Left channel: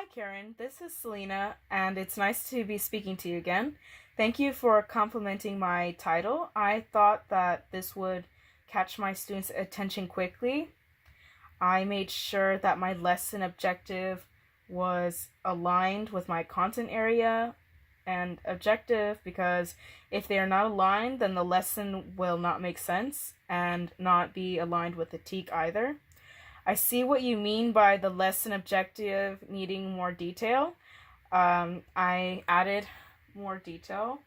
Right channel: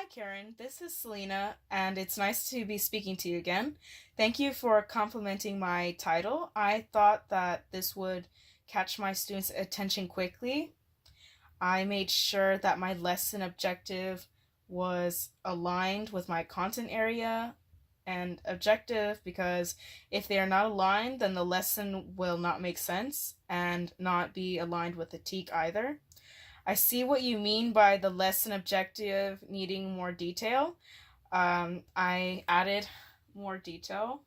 Hi, Karen. This is Selena, and it's nice to be speaking to you again. Thank you for complimenting my title. I thought that this would catch my students' attention quickly. I made sure that my lesson objective was aligned with my content area and objective because if they are not aligned, then the lesson will not make sense and not be aligned with the TEK either. I see what you mean by the lesson objective needing more detail. I added more detail,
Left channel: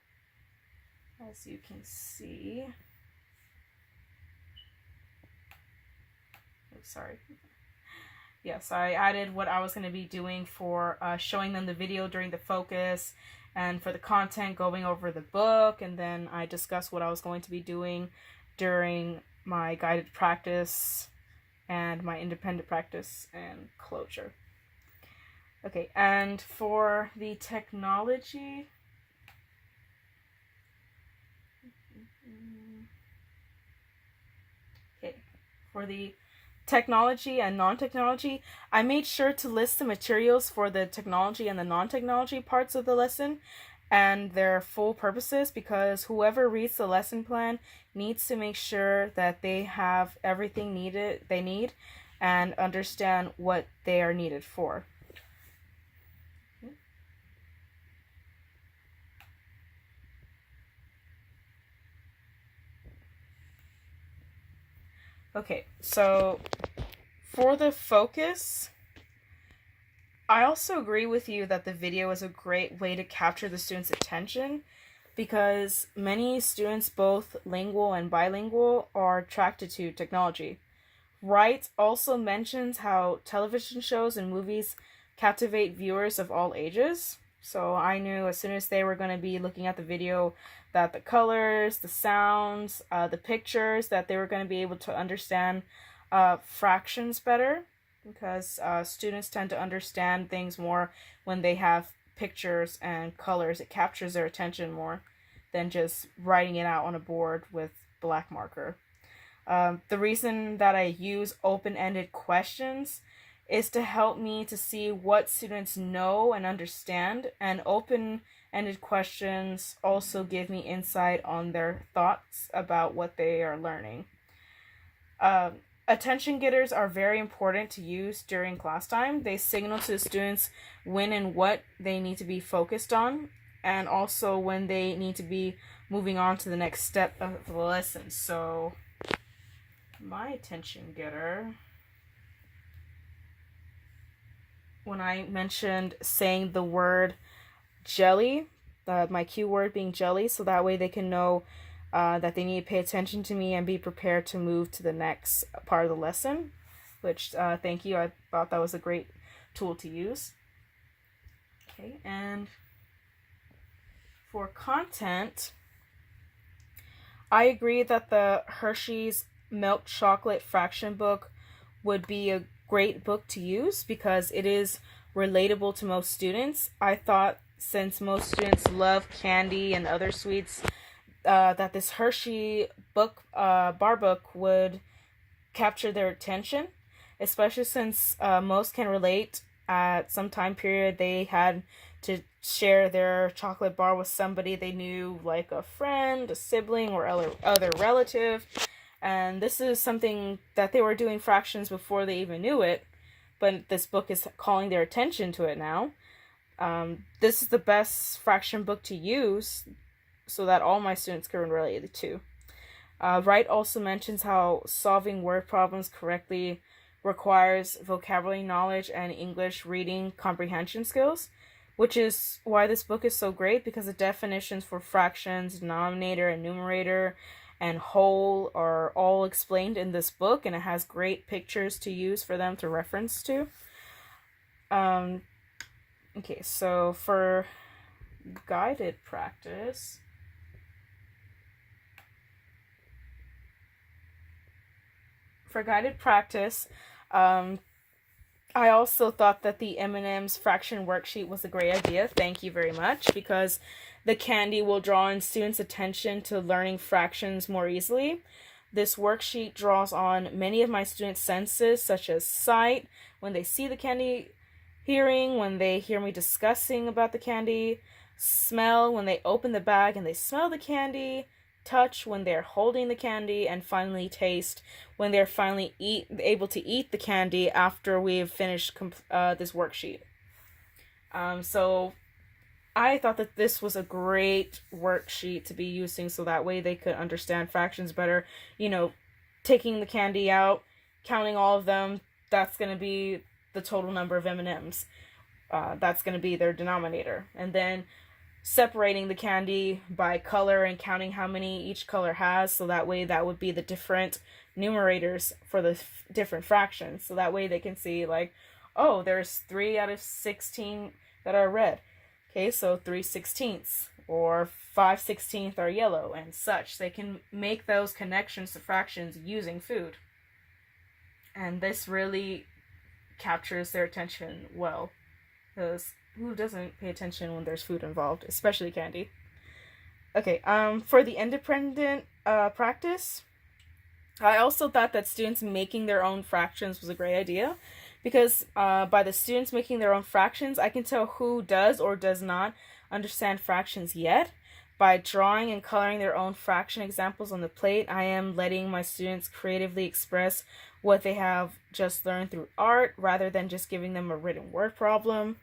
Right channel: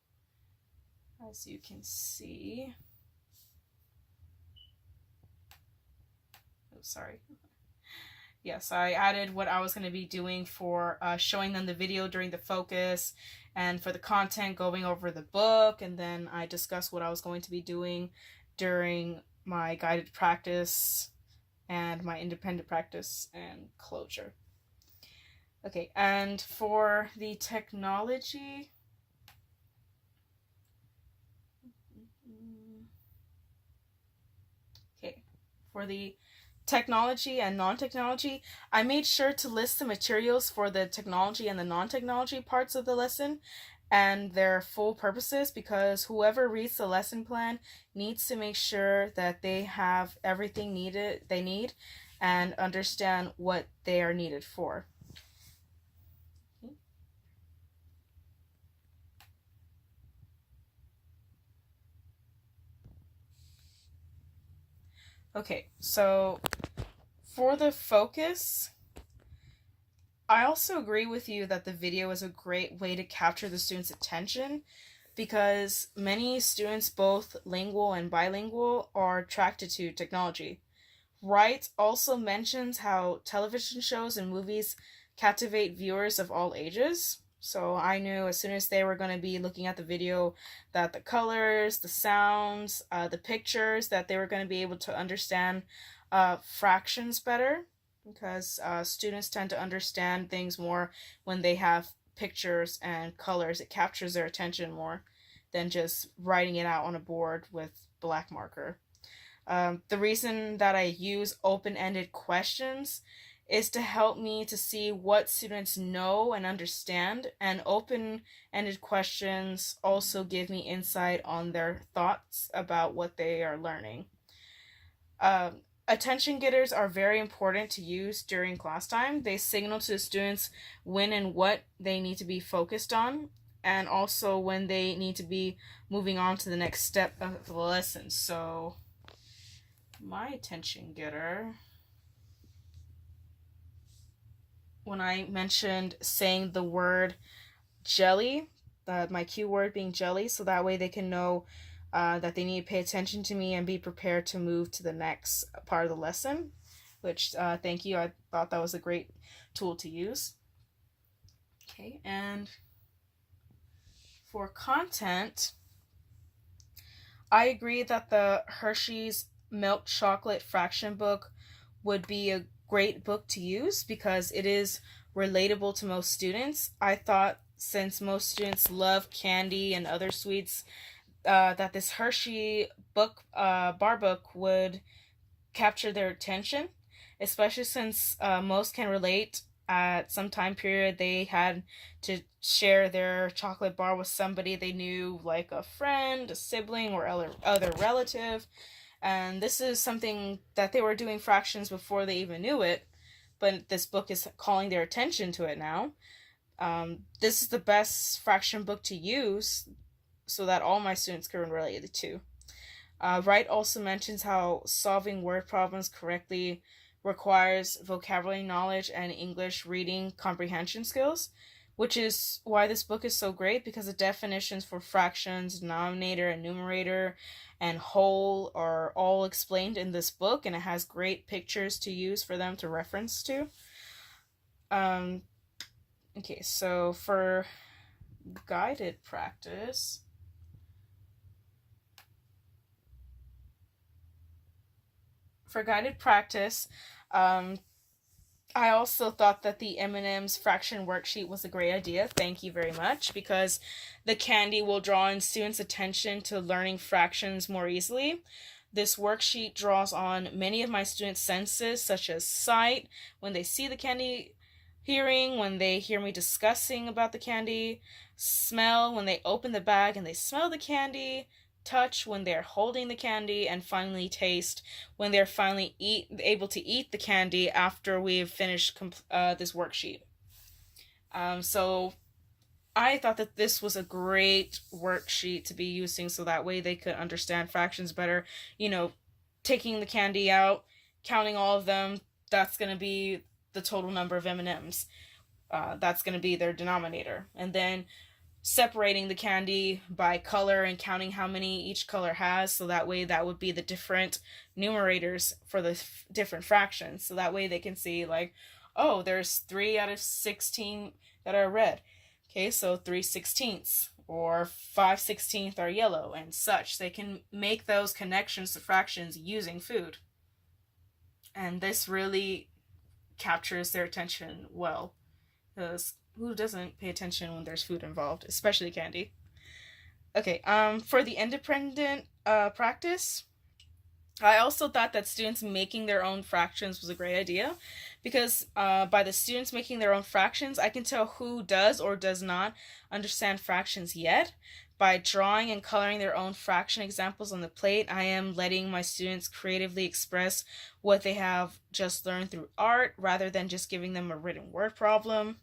as you can see. Oh, sorry. Yes, I added what I was going to be doing for showing them the video during the focus, and for the content going over the book, and then I discussed what I was going to be doing during my guided practice and my independent practice and closure. Okay, and for the technology, okay, for the technology and non-technology, I made sure to list the materials for the technology and the non-technology parts of the lesson and their full purposes, because whoever reads the lesson plan needs to make sure that they have everything they need and understand what they are needed for. Okay, so for the focus, I also agree with you that the video is a great way to capture the students' attention because many students, both lingual and bilingual, are attracted to technology. Wright also mentions how television shows and movies captivate viewers of all ages. So I knew as soon as they were going to be looking at the video that the colors, the sounds, the pictures, that they were going to be able to understand fractions better because students tend to understand things more when they have pictures and colors. It captures their attention more than just writing it out on a board with black marker. The reason that I use open-ended questions is to help me to see what students know and understand, and open-ended questions also give me insight on their thoughts about what they are learning. Attention getters are very important to use during class time. They signal to the students when and what they need to be focused on, and also when they need to be moving on to the next step of the lesson. So my attention getter, when I mentioned saying the word jelly, my cue word being jelly, so that way they can know that they need to pay attention to me and be prepared to move to the next part of the lesson, which thank you. I thought that was a great tool to use. Okay, and for content, I agree that the Hershey's Milk Chocolate Fraction book would be a great book to use because it is relatable to most students. I thought since most students love candy and other sweets, that this Hershey book, bar book, would capture their attention, especially since most can relate. At some time period, they had to share their chocolate bar with somebody they knew, like a friend, a sibling, or other relative. And this is something that they were doing fractions before they even knew it, but this book is calling their attention to it now. This is the best fraction book to use so that all my students can relate it to. Wright also mentions how solving word problems correctly requires vocabulary knowledge and English reading comprehension skills, which is why this book is so great, because the definitions for fractions, denominator and numerator, and whole are all explained in this book, and it has great pictures to use for them to reference to. Okay, so for guided practice, I also thought that the M&M's fraction worksheet was a great idea. Thank you very much, because the candy will draw in students' attention to learning fractions more easily. This worksheet draws on many of my students' senses, such as sight, when they see the candy, hearing when they hear me discussing about the candy, smell when they open the bag and they smell the candy, touch when they're holding the candy, and finally taste when they're finally able to eat the candy after we've finished this worksheet. So I thought that this was a great worksheet to be using so that way they could understand fractions better. You know, taking the candy out, counting all of them, that's going to be the total number of M&Ms. That's going to be their denominator. And then separating the candy by color and counting how many each color has, so that way that would be the different numerators for the different fractions. So that way they can see, like, oh, there's 3 out of 16 that are red. Okay, so 3/16 or 5/16 are yellow and such. They can make those connections to fractions using food. And this really captures their attention well, because who doesn't pay attention when there's food involved, especially candy? Okay, for the independent practice, I also thought that students making their own fractions was a great idea, because by the students making their own fractions, I can tell who does or does not understand fractions yet. By drawing and coloring their own fraction examples on the plate, I am letting my students creatively express what they have just learned through art, rather than just giving them a written word problem.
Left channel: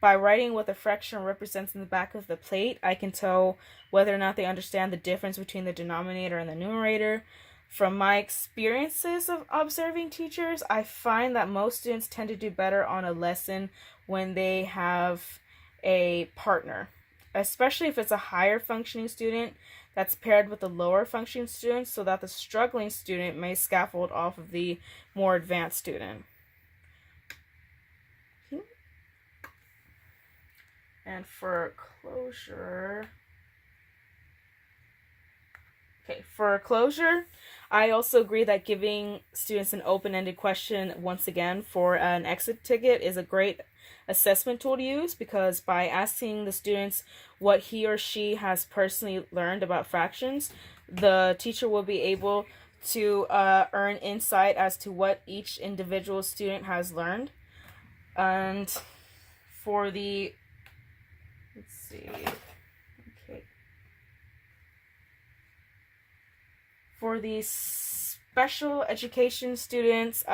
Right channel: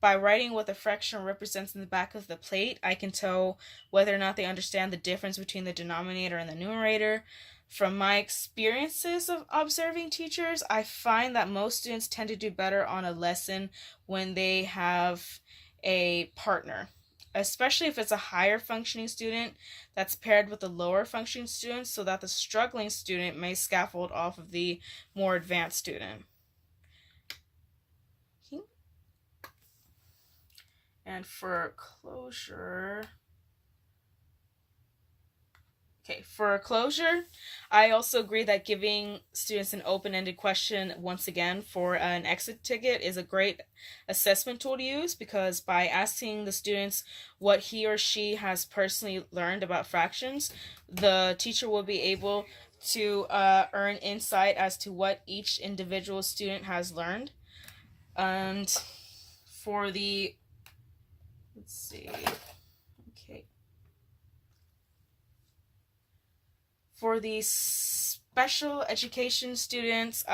By writing what the fraction represents in the back of the plate, I can tell whether or not they understand the difference between the denominator and the numerator. From my experiences of observing teachers, I find that most students tend to do better on a lesson when they have a partner, especially if it's a higher functioning student that's paired with a lower functioning student, so that the struggling student may scaffold off of the more advanced student. And for closure, I also agree that giving students an open-ended question once again for an exit ticket is a great assessment tool to use, because by asking the students what he or she has personally learned about fractions, the teacher will be able to earn insight as to what each individual student has learned. And for the, let's see, okay. For the special education students,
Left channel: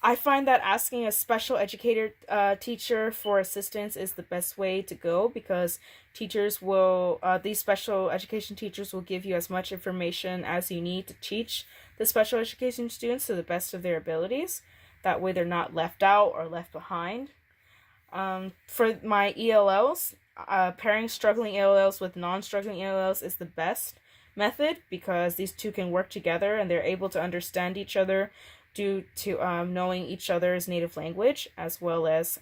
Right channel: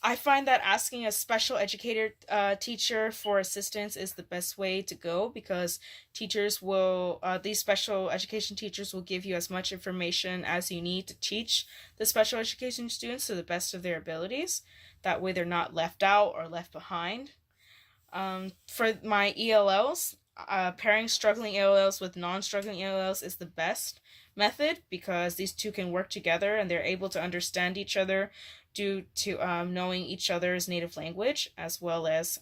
I find that asking a special educator teacher for assistance is the best way to go, because teachers will, these special education teachers will give you as much information as you need to teach the special education students to the best of their abilities. That way they're not left out or left behind. For my ELLs, pairing struggling ELLs with non-struggling ELLs is the best method, because these two can work together and they're able to understand each other due to knowing each other's native language as well as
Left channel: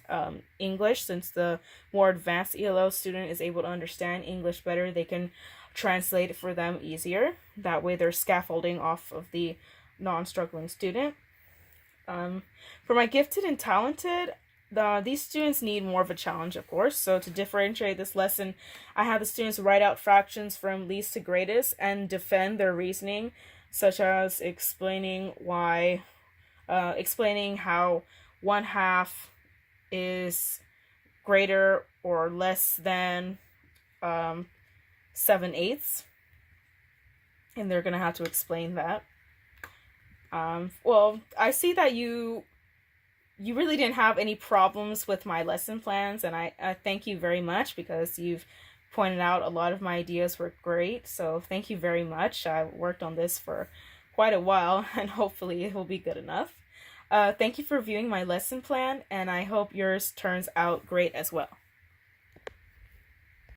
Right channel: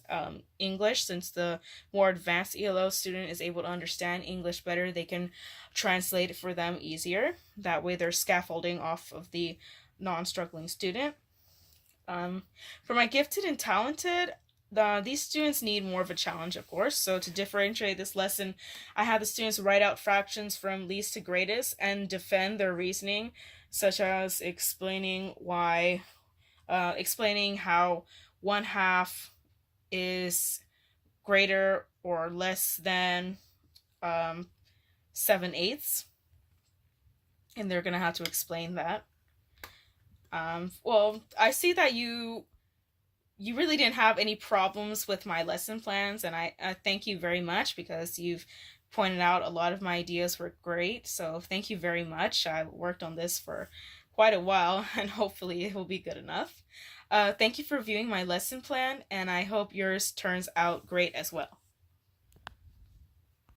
English. Since the more advanced ELL student is able to understand English better, they can translate it for them easier. That way they're scaffolding off of the non-struggling student. For my gifted and talented, these students need more of a challenge, of course. So to differentiate this lesson, I had the students write out fractions from least to greatest and defend their reasoning, such as explaining how 1/2 is greater or less than 7/8, and they're gonna have to explain that. Well, I see that you really didn't have any problems with my lesson plans, and I thank you very much, because you've pointed out a lot of my ideas were great. So thank you very much. I worked on this for quite a while, and hopefully it will be good enough. Thank you for viewing my lesson plan, and I hope yours turns out great as well.